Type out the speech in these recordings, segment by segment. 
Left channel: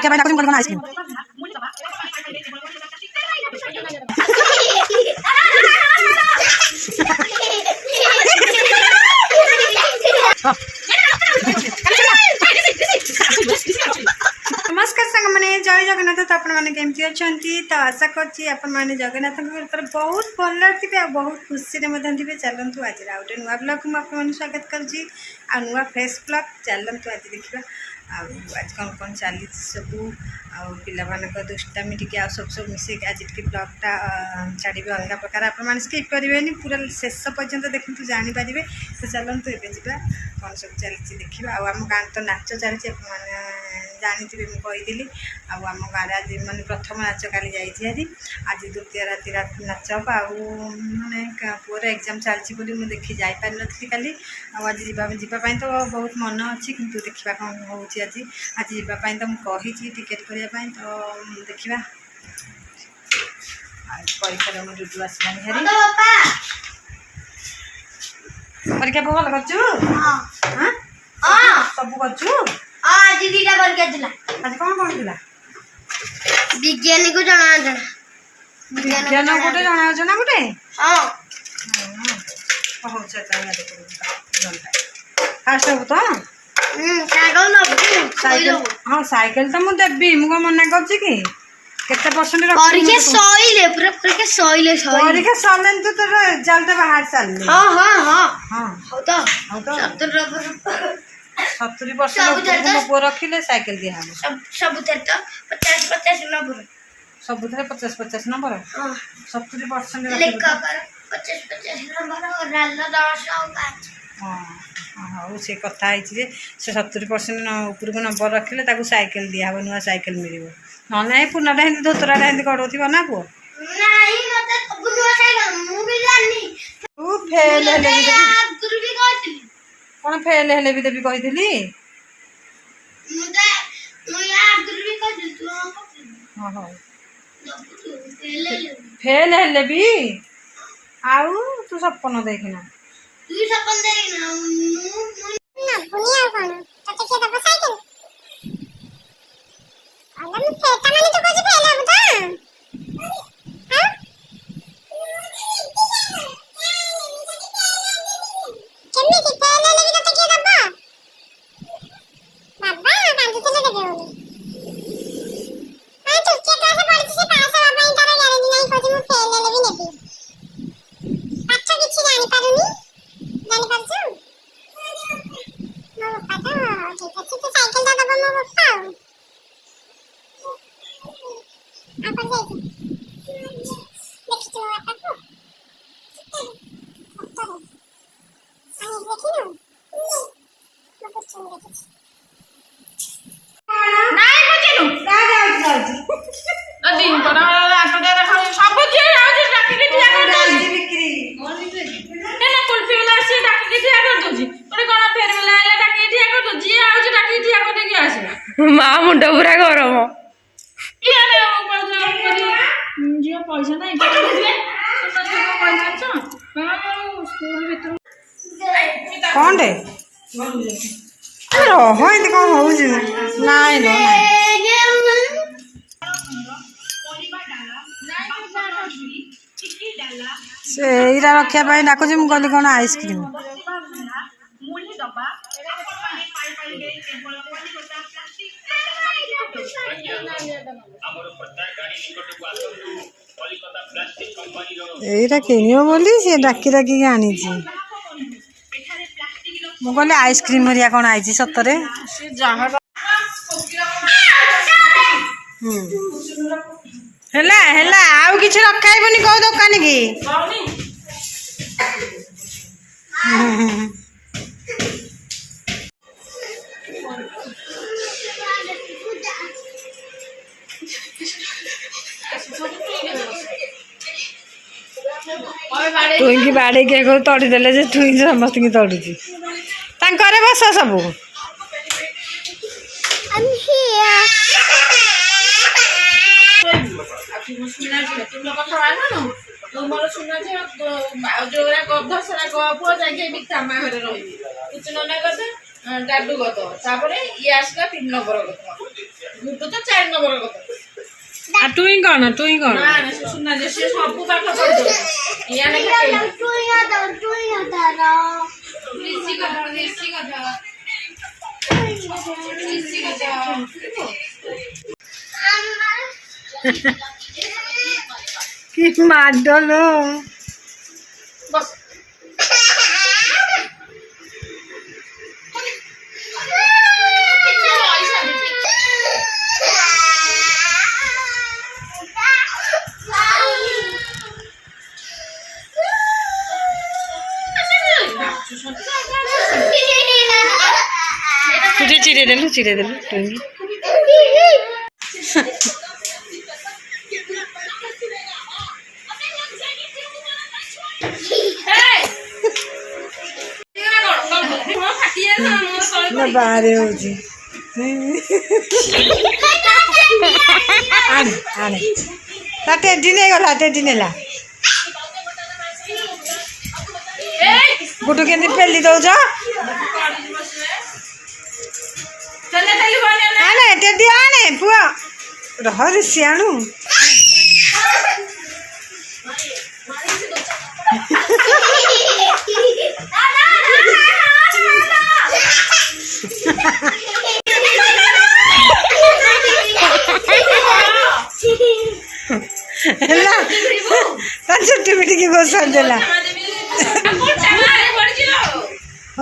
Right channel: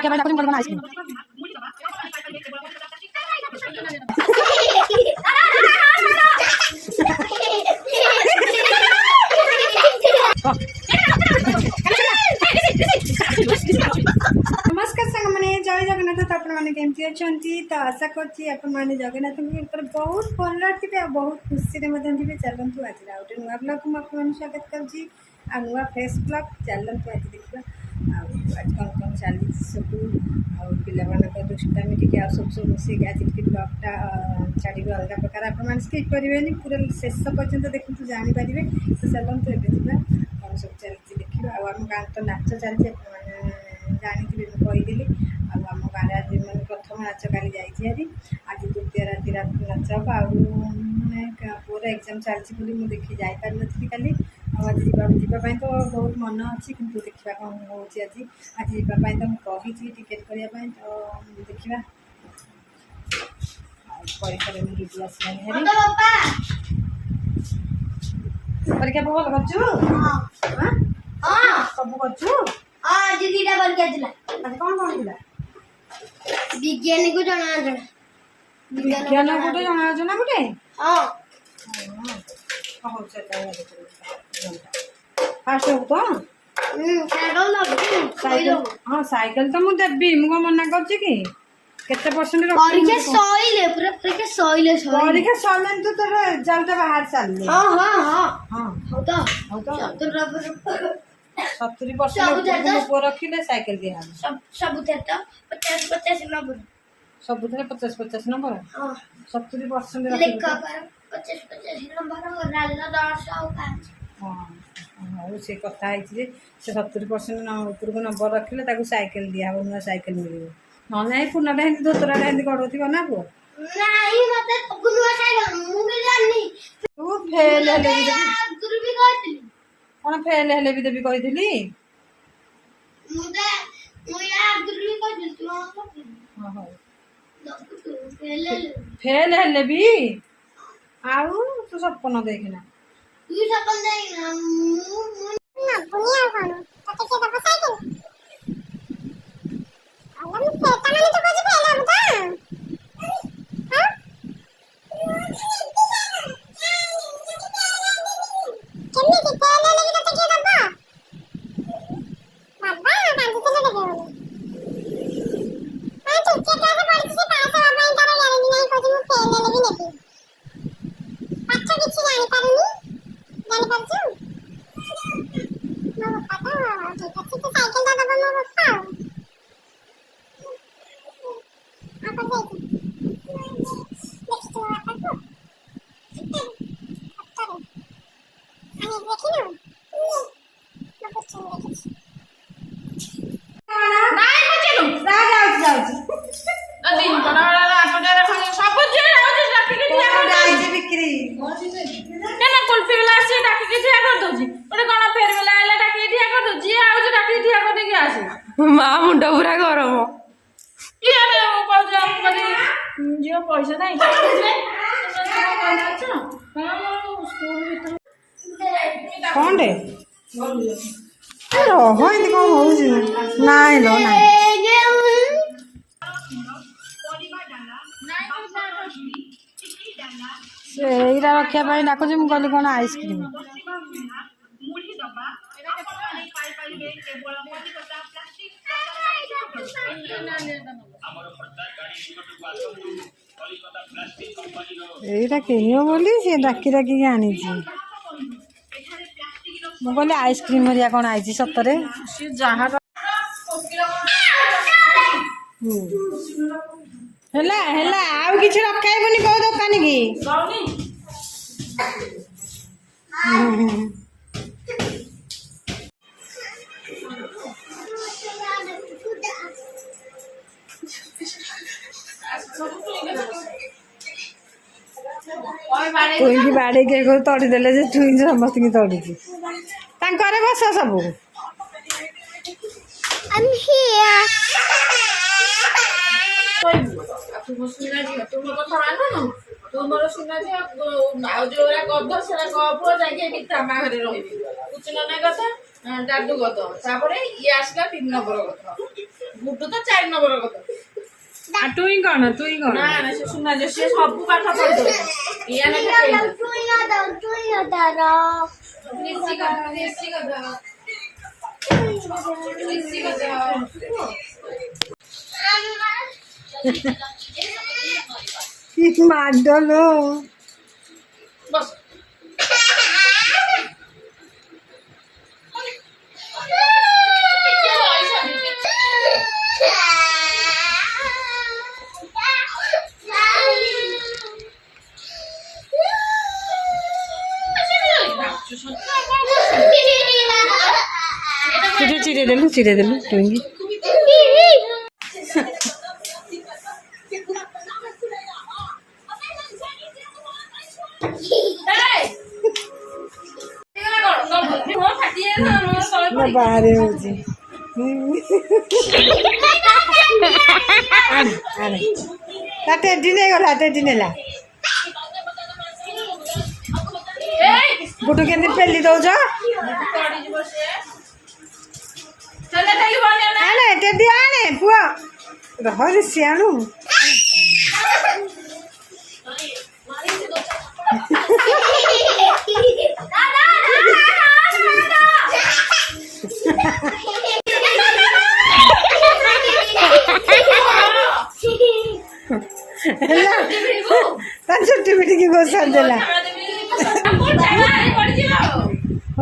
रखे भाई cone ice cream नमस्कार संग मैंने जय जगन्नाथ तो आपमती अच्छा तो आशा करें जगन्नाथ कृपा बहुत भल थे बहुत खुशी थे चलतु आज गोटे नुआ ब्लग मुझे स्वागत करुँची आ नुआ फ्रेश ब्लग चलतु आज देखा आज कौन कौन चली सब आ दुष्टामी टी सब मिसे आज टी ब्लगटा छाड़े अलग प्रकार आपने स्किप करेंगे पूरा शेष पर्यंत देखते जानीपारे तो चलतु ए कौन सब चलती देखा आम गाँव तो नाच चलती जानी मुझे आम गाँव आज मैंने प्रथम नाच काली जारी आज द्वितीय राति नाच हम आने पुअर एग्जाम चलती मुझे देखी जापार नी काली आज जावाई तो बहुत मन अच्छी किंतु देखा कौन हो आज आज जावाई तो मुझे टिकेट करने तो देखा परीक्षा में डुडू आसला हेरी परीक्षा भल कर सब कर आज दीटा करके आज कौन कौन थिला विज्ञानी को जाना जाना विज्ञान गोटे जना जना गोटे हां हो चल घंटा फास्ट हो तो साइकिल ना साइकिल हां साइकिल तो मु देबी मु मना करछि कि केते परसेंट रख परीक्षा सईले पूरा परीक्षा सईले परीक्षा सलन तो तोर रिजल्ट बाहर चलले हां हां हां हां हो तो 70% ऊपर रखिले साइकिल दिया हम सब तो 50 नंबर सब 50 नंबर हां 70% लेखा पर 50 नंबर और लाल 10 और 5 हां हां से कथा है जे से 70% ऊपर को नंबर रखिले ताको साइकिल दिया नुआ साइकिल मिलिबो न नहीं पुनाटा हिंदी धोतराटा हिंदी कड़ोथी ना पुओ नहीं मते गुनुआ साइकिल मु भी जाननी तू फेल हेले गुरु भी कहती कौन फेल हेले भी देबी कहिथिली मुदे मु यार गुरु भी कहती तू हां हां फेल फेल हेले भी आउ तू सपन देखना तू सपन देखना ना बुनिया कोन तते के दब साइकिल अलम फेता माने तो कुछ फेल हो बता हां केमने की फेल ले भी तते के दब बाबा कांदी चले देबे हां तो के क्लास पढ़ी से पास बाबा इंटर गारंटी नहीं कोची मु फेल ले भी नेबी पाछो किछि जानि पारुनी जानि पारछु मो पापा तो ठीक है तो साइकिल दा दब मो पापा apa saja देखियो आपको डॉक्टर आने देखियो मैं कुछ देखियो नहीं बुझिलु जा दिन बड़ा आटो दे रखा सब जे आउज राखी के दिया कर दउजी बिक्री ना कुल्फी वाला से राखी के दिया कर दउजी ओरे कोन फेर वाला आला राखी के दिया कर दउजी आउज राखी के दिया कर दे के आसे मां मुंडा पूरा गरम ये ले ओ पैसा करी जो पैसा नहीं दे तो पैसा अच्छा हां स्कूल भीतर कौन रे रहो इते कौन हो जी नहीं लो नहीं से इरा रखिया पाई डाकुची मु कहली कोन आइसक्रीम এইটা কিনিও বলি সে ডাকি ডাকি আনি মু कहली आइसक्रीम हरिया कौन आई सतरे हेला हेला आउ किछि रखाइबनी को दुकान की टुईकी बाड़े के तड़ी देले जे टुई समस्त की तड़ुची तांकरे बस सब तुमर सुना जे जोरा गध सेरा गपुआ जाके भी तामा घरे रही कुछ न कथा डाडू गध तापरे ये आसला 3 नंबर गध ଗୁଡୁ ତ 4 ନମ୍ବର କଥା। ଆଉ ଟୁଇଁ କ'ଣ ଟୁଇଁ କ'ଣ ନା ନା ସେ ସୁନା ଯେ ସେ ସବୁ ପାଠ ପଢିବ। ଇଆ ଲେଖା কি মাডলো বস তুই চিড়ে দেলু টুঙ্গি ନା ବାହାରେ ହଉଛି ଆଣେ ଆଣେ ତା ଟେଡି ନେଇଗଲା ଟେଡି ନେଲା ଗୁଟୁ କେମିତି ପେଲି ଦଉଛ ଆଣେ ଟେଡି ଆଣେ ପୁଅ ରହରେ ସିଆଣୁ ହେଲା ତା ଚୁଟି ପିଟିକି ବସାଇ ଦେଲା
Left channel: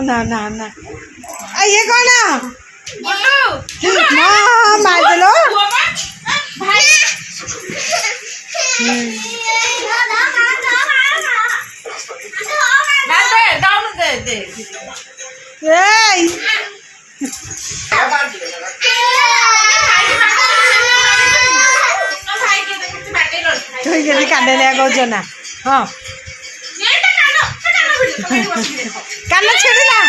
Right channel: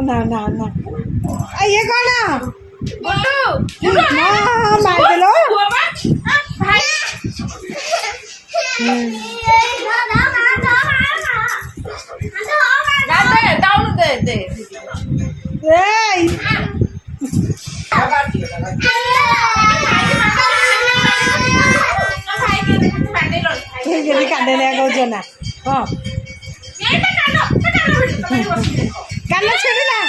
ନା ନା ନା ଇଏ କ'ଣ ମାରିଦେଲ ଏଇ তুই কেମିତି କାନ୍ଦେଲିଆ କହୁଛ ନା ହଁ କାନ ଛିଡ଼ିଲା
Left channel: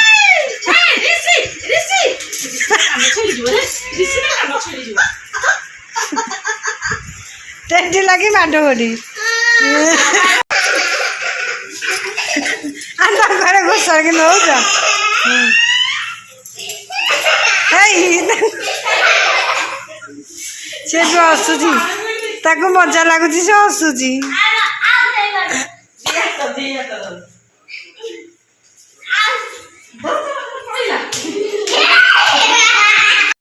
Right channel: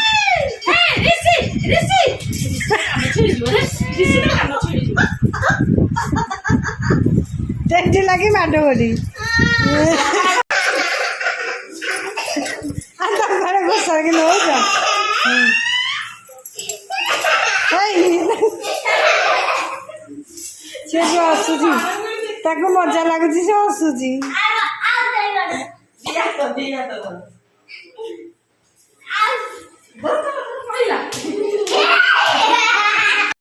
ଟେଣ୍ଟି ଲାଗି ମାଡ଼ ଗୋଡ଼ି ତା ଘରେ ଘୋଷାରିକି ନଉଛ ସେ ବି ହସୁଛି ତାକୁ ମଜା ଲାଗୁଛି ସେ ହସୁଛି